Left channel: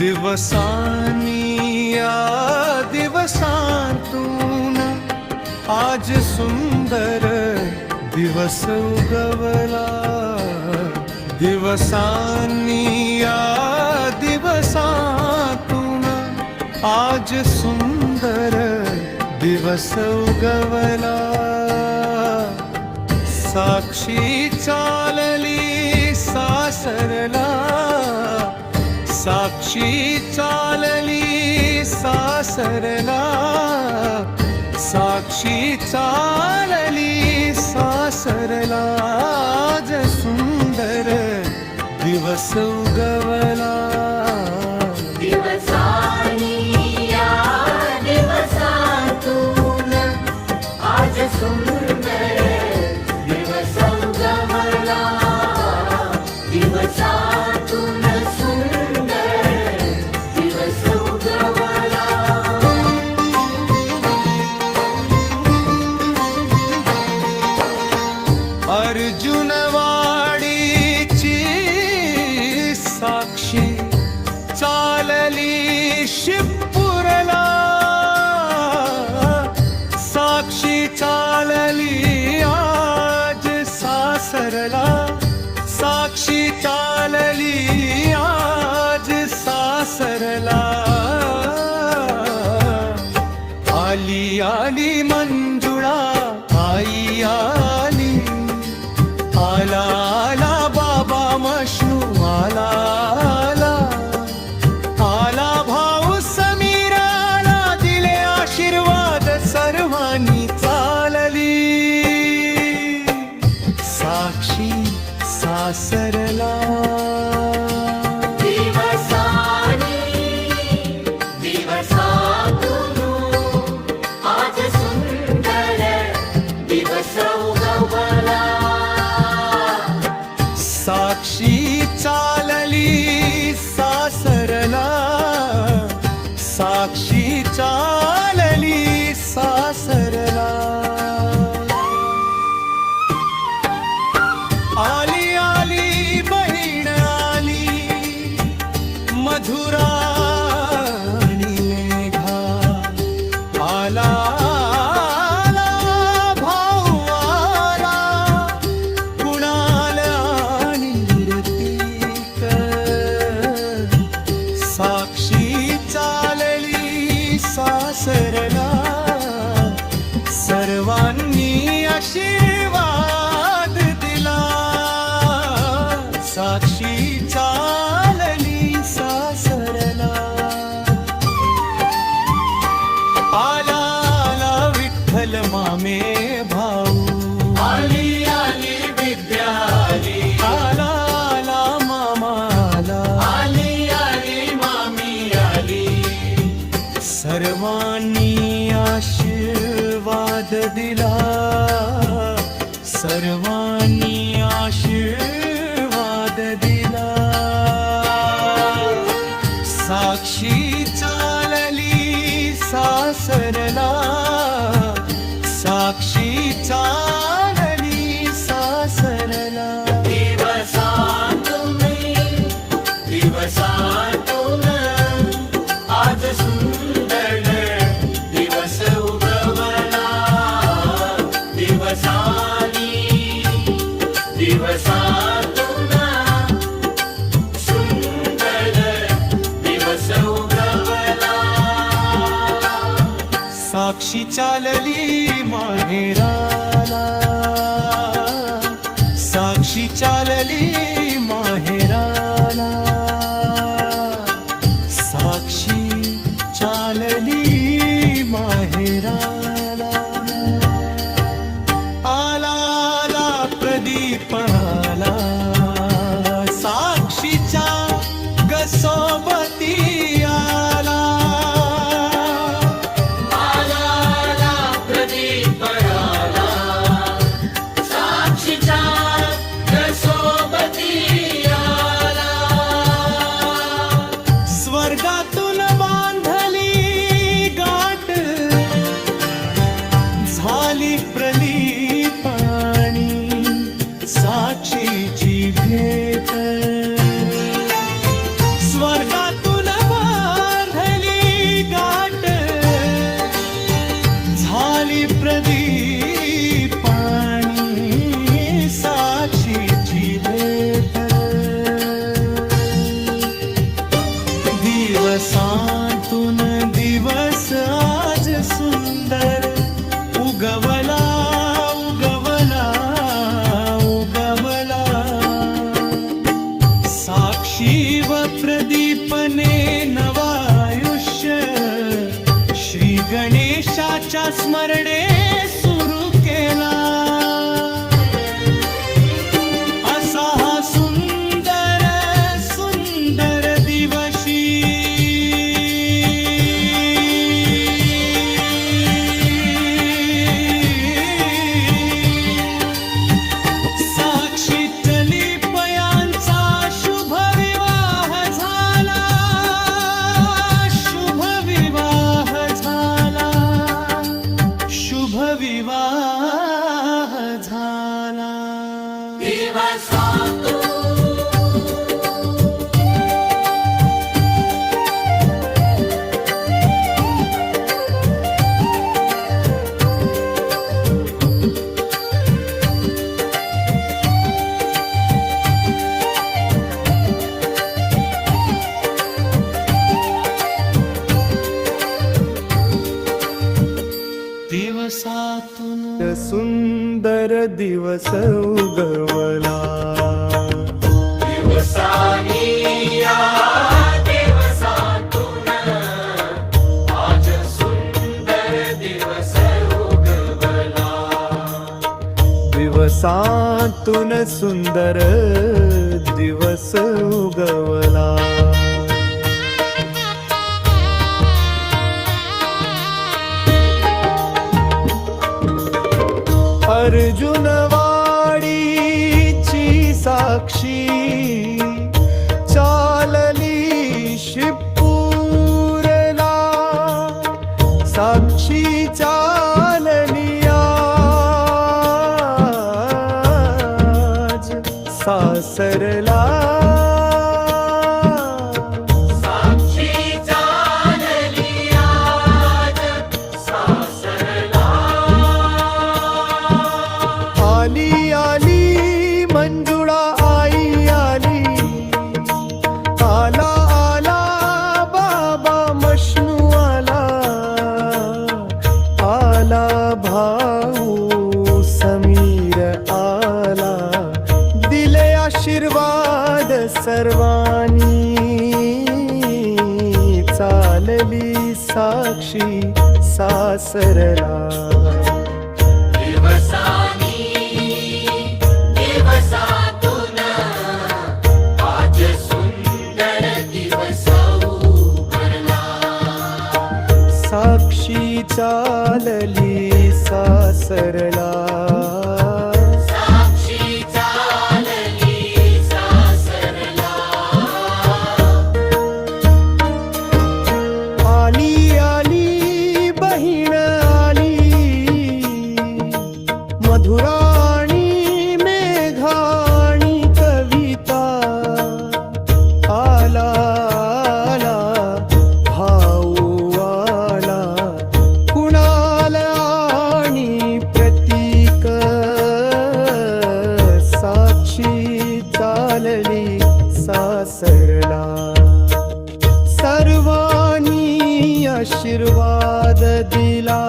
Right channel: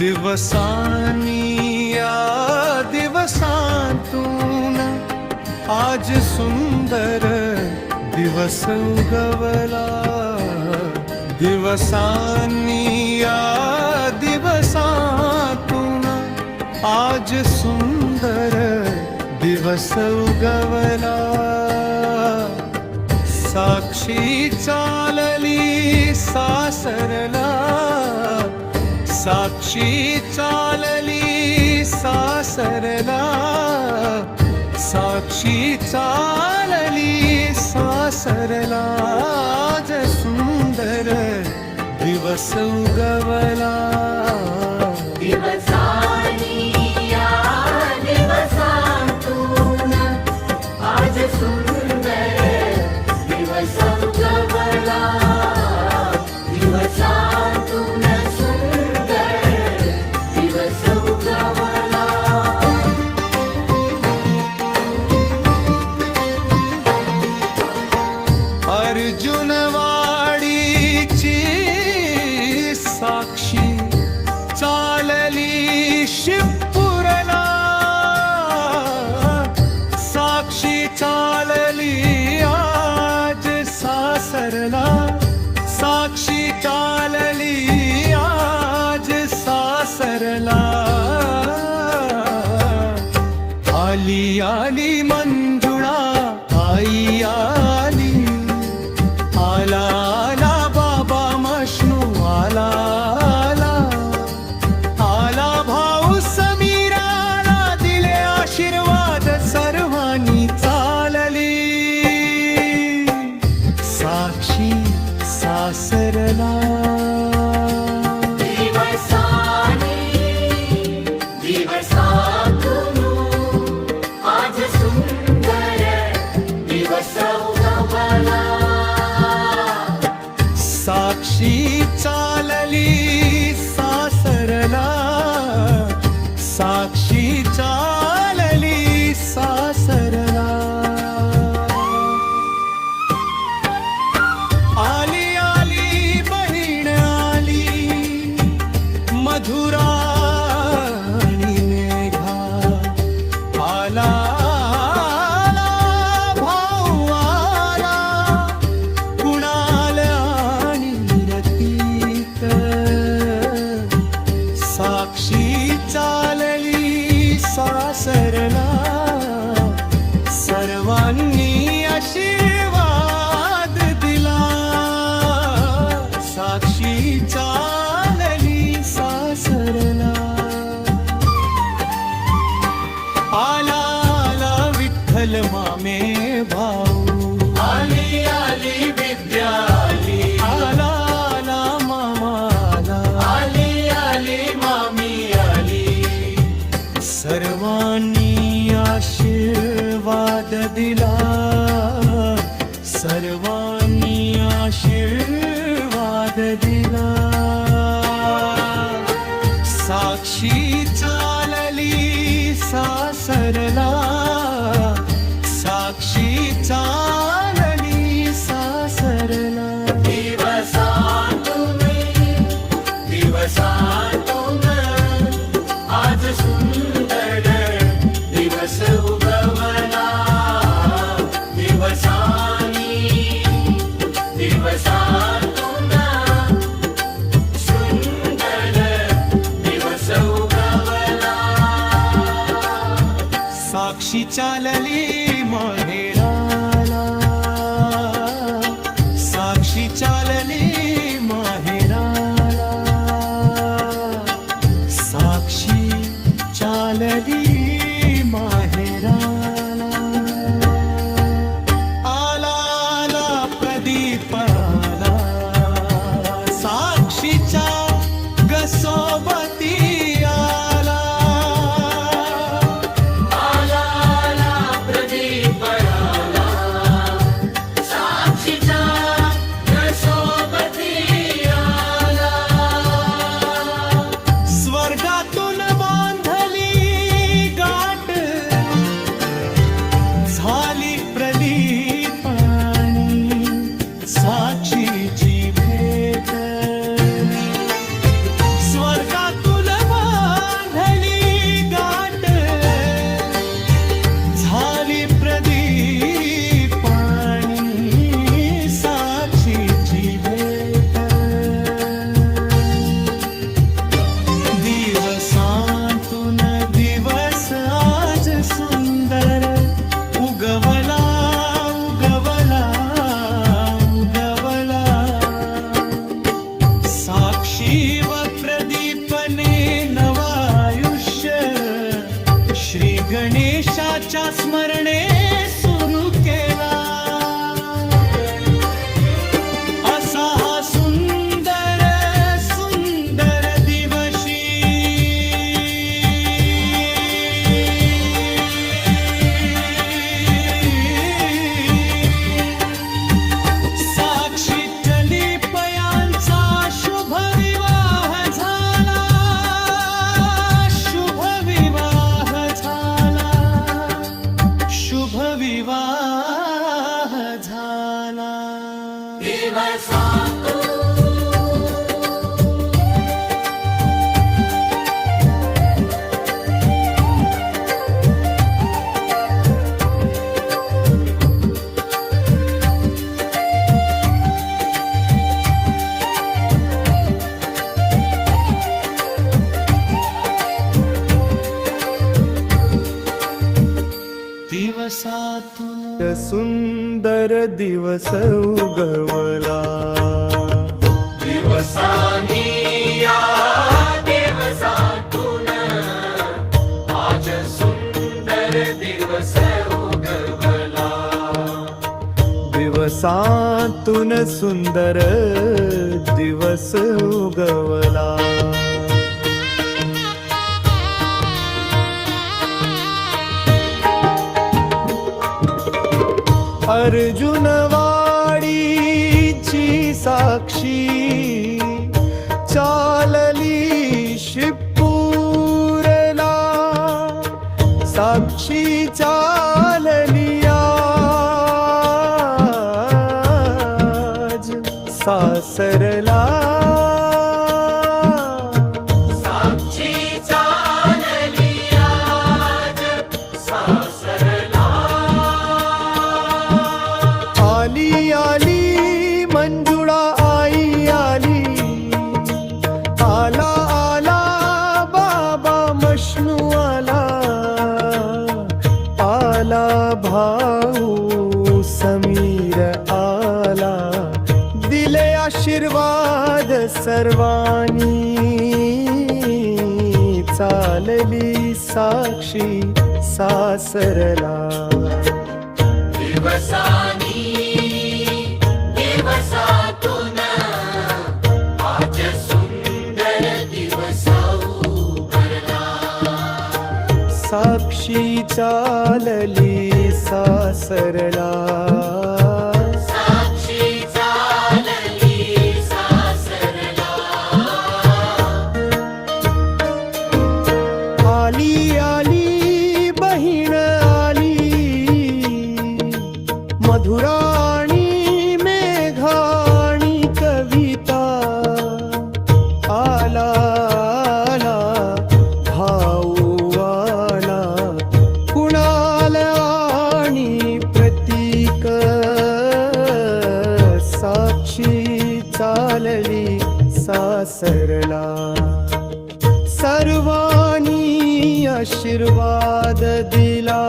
दिवसांनी या दिवसांतून आज सुंदर दिवस उगवला. दिवसांनी या दिवसातून आज सुंदर दिवस उगवला. साक्षी चालली सासरला, साक्षी चालली सासरला, साक्षी चालली सासरला. आज सुंदर दिवस उगवला. दिवसांनी या दिवसातून आज सुंदर दिवस उगवला. दिवसातून सुंदर दिवस उगवला. अर्जुनवाडीची साक्षी चालली शिवपुरला, साक्षी चालली आज सासरला, साक्षी चालली आज सासरला. आली आली मंजुळा आई आली, आला आला बाबा मशनू आला आला, आला भाऊ समीराला दिले आशीर्वाद सर्वांनी चालली. साक्षी सासरला. दिवसांनी दिवसातून आज सुंदर दिवस उगवला. साक्षी चालली सासरला, साक्षी चालली सासरला. आली आली बहीण आली मधुरा आणि मेघा, आला आला भाऊ आला कुणाल आणि रतिक. साक्षी चालली सासरला, सर्वांनी आशीर्वाद दिला. साक्षी चालली सासरला. आला आला विठ्ठल मामे भाऊ, आली आली विद्या आली, आला आला मामाला, आली आली मामी आली. सर्वांनी आशीर्वाद दिला, सर्वांनी आशीर्वाद दिला. साक्षी चालली सासरला, साक्षी चालली सासरला. दिवसांतून दिवसांतून आज सुंदर दिवस उगवला. दिवसांनी दिवसातून सुंदर दिवस उगवला. साक्षी चालली माहेराला, साक्षी चालली माहेराला, साक्षी चालली माहेराला. आला आला प्रदीप आला साक्षीच्या गसोबती आला. आला आला प्रदीप आला साक्षीच्या सोबती आला. स्वर्गातून बांधली गाठ झाली प्रदीपाणी, साक्षीची भेट. स्वर्गातून दिवसांतून दिवस आज सुंदर उगवला उगवला उगवला. साक्षी व प्रदीपने नवायुष्य श्री गणेशाच्या स्मरणे सुरू केला. असा हा सुंदर सुंदर दिवशी साक्षी चलिपयांचा शुभ विवाह झाला. शुभ विवाह झाला. शुभ विवाह झाला. दिवसातून सुंदर दिवस उगवला. दिवसानी या दिवसातून आज सुंदर दिवस उगवला. दिवसातून सुंदर दिवस उगवला. अर्जुनवाडीची साक्षी चालली शिपूरला. साक्षी चालली आज सासरला. साक्षी चालली आज सासरला. आली आली मंजुळा आई आली. आला आला बाबा मशनू आला. आला भाऊ समीर आला. दिले आशीर्वाद सर्वांनी. चालली साक्षी सासरला. दिवसानी दिवसातून आज सुंदर दिवस उगवला. साक्षी चालली सासरला. साक्षी चालली सासरला. आली आली बहीण आली. मधुराणी मेघाणी कविता. आला आला भाऊ आला. कुणाल आणि प्रतीक. साक्षी चालली सासरला. सर्वांनी आशीर्वाद दिला.